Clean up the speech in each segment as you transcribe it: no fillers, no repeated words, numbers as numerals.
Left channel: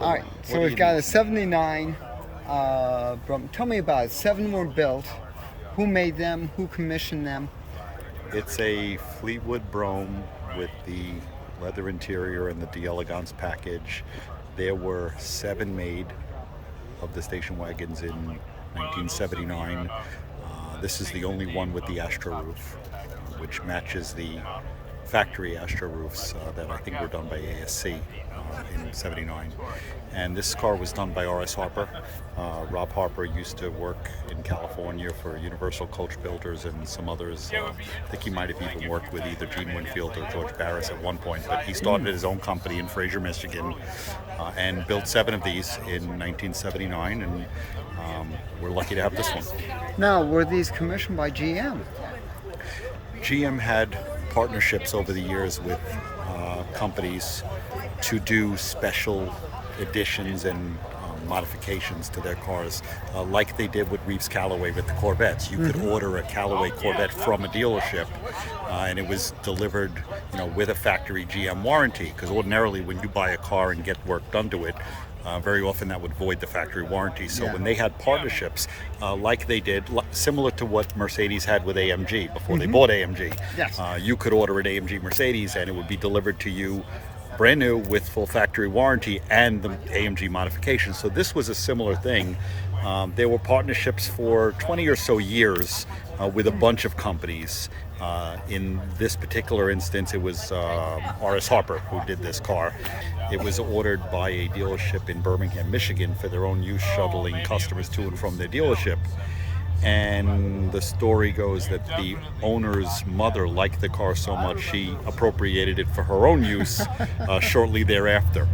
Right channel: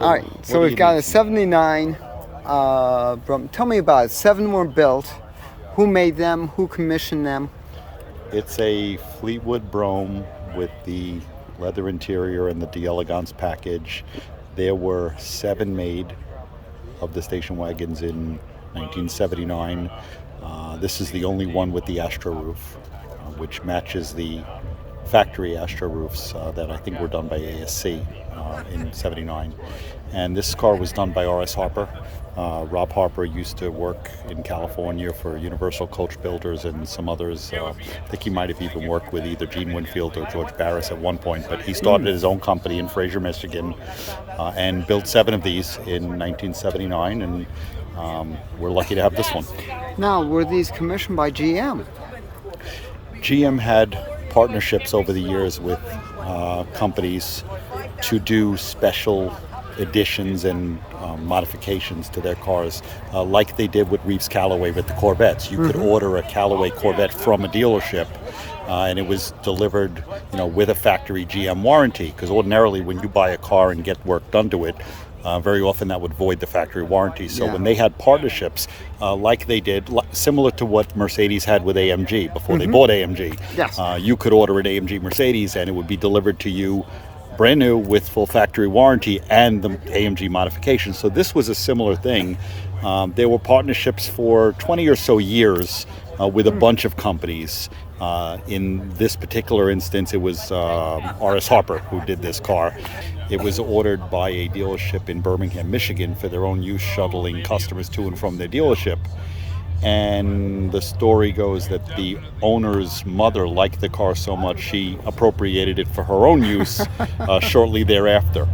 All right, so we've got a 79 Brougham. Tell me about it. 7 were built. Who made them? Who commissioned them? It's a Fleetwood Brougham with the leather interior and the Elegance package. There were 7 made of the station wagons in 1979. This is the only one with the Astro roof, which matches the factory Astro roofs that I think were done by ASC in '79. And this car was done by R.S. Harper. Rob Harper used to work in California for Universal Coach Builders and some others. I think he might have even worked with either Gene Winfield or George Barris at one point, but he started his own company in Fraser, Michigan, and built 7 of these in 1979, and we're lucky to have this one. Now, were these commissioned by GM? GM had partnerships over the years with companies to do special editions and modifications to their cars, like they did with Reeves Callaway with the Corvettes. You could order a Callaway Corvette from a dealership, and it was delivered, with a factory GM warranty. Because ordinarily, when you buy a car and get work done to it, very often that would void the factory warranty. So when they had partnerships, like they did, similar to what Mercedes had with AMG before they bought AMG, yes. You could order an AMG Mercedes and it would be delivered to you brand new with full factory warranty and the AMG modifications. So this was a similar thing. There were partnerships for 20 or so years with a bunch of companies. In this particular instance, it was R.S. Harper who did this car. It was ordered by a dealership in Birmingham, Michigan for their own use, shuttling customers to and from their dealership. And the story goes that the owner's mother liked the car so much she appropriated it for her own use shortly thereafter.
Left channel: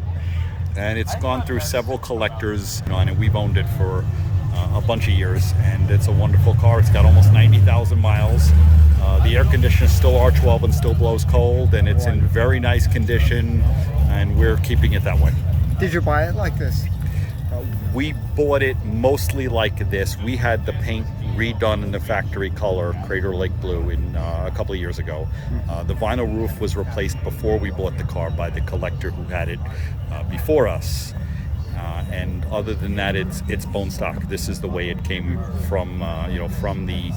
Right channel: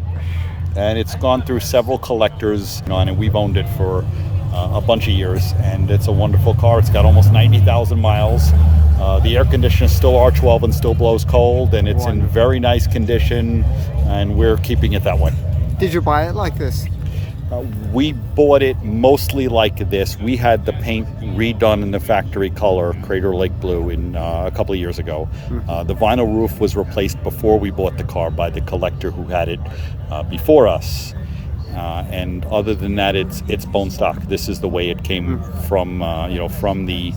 And it's gone through several collectors, and we've owned it for a bunch of years, and it's a wonderful car. It's got almost 90,000 miles. The air conditioner is still R12 and still blows cold, and it's in very nice condition, and we're keeping it that way. Did you buy it like this? We bought it mostly like this. We had the paint redone in the factory color, Crater Lake Blue, in a couple of years ago. The vinyl roof was replaced before we bought the car by the collector who had it before us. And other than that, it's bone stock. This is the way it came from, from the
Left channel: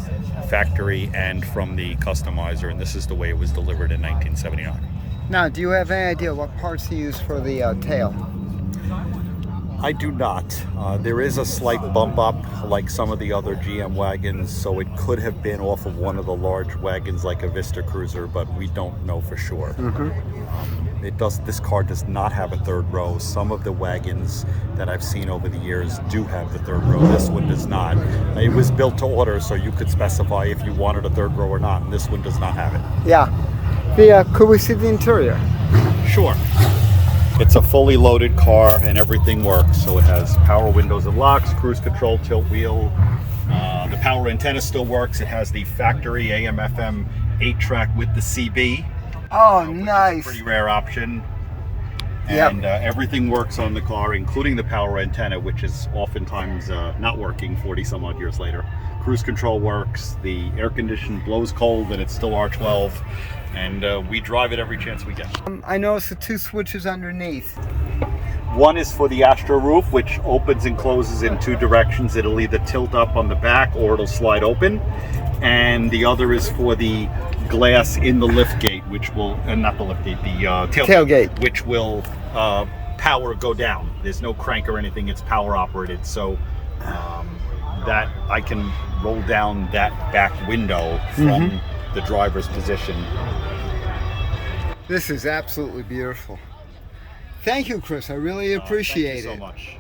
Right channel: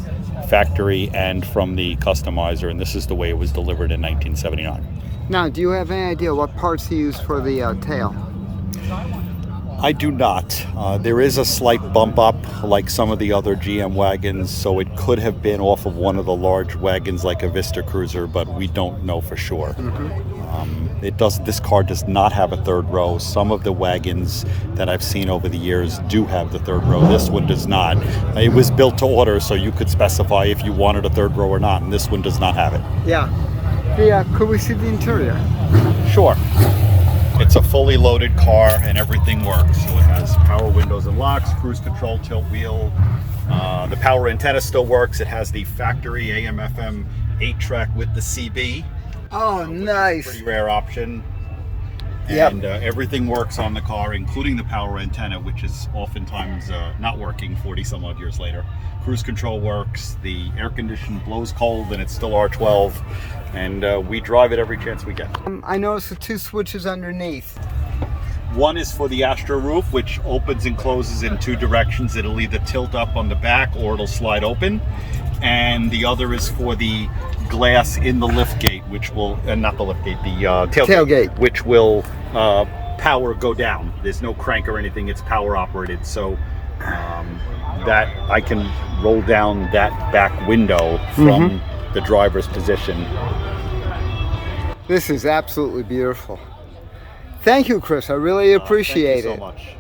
factory and from the customizer, and this is the way it was delivered in 1979. Now, do you have any idea what parts you use for the tail? I do not. There is a slight bump up like some of the other GM wagons, so it could have been off of one of the large wagons like a Vista Cruiser, but we don't know for sure. This car does not have a third row. Some of the wagons that I've seen over the years do have the third row. This one does not. It was built to order, so you could specify if you wanted a third row or not, and this one does not have it. Yeah. Could we see the interior? Sure. It's a fully loaded car and everything works. So it has power windows and locks, cruise control, tilt wheel. The power antenna still works. It has the factory AM/FM 8-track with the CB. Oh, nice. Pretty rare option. And everything works on the car, including the power antenna, which is oftentimes not working 40 some odd years later. Cruise control works. The air condition blows cold and it's still R12. And we drive it every chance we get. I noticed the 2 switches underneath. One is for the Astro roof, which opens and closes in 2 directions. It'll either tilt up on the back or it'll slide open. And the other is for the glass in the liftgate, which will, not the liftgate, the tailgate, which will power go down. There's no crank or anything, it's power operated. So that I can roll down that back window from the driver's position. This is absolutely beautiful. Thank you, Chris. I really appreciate it. Thank you so much.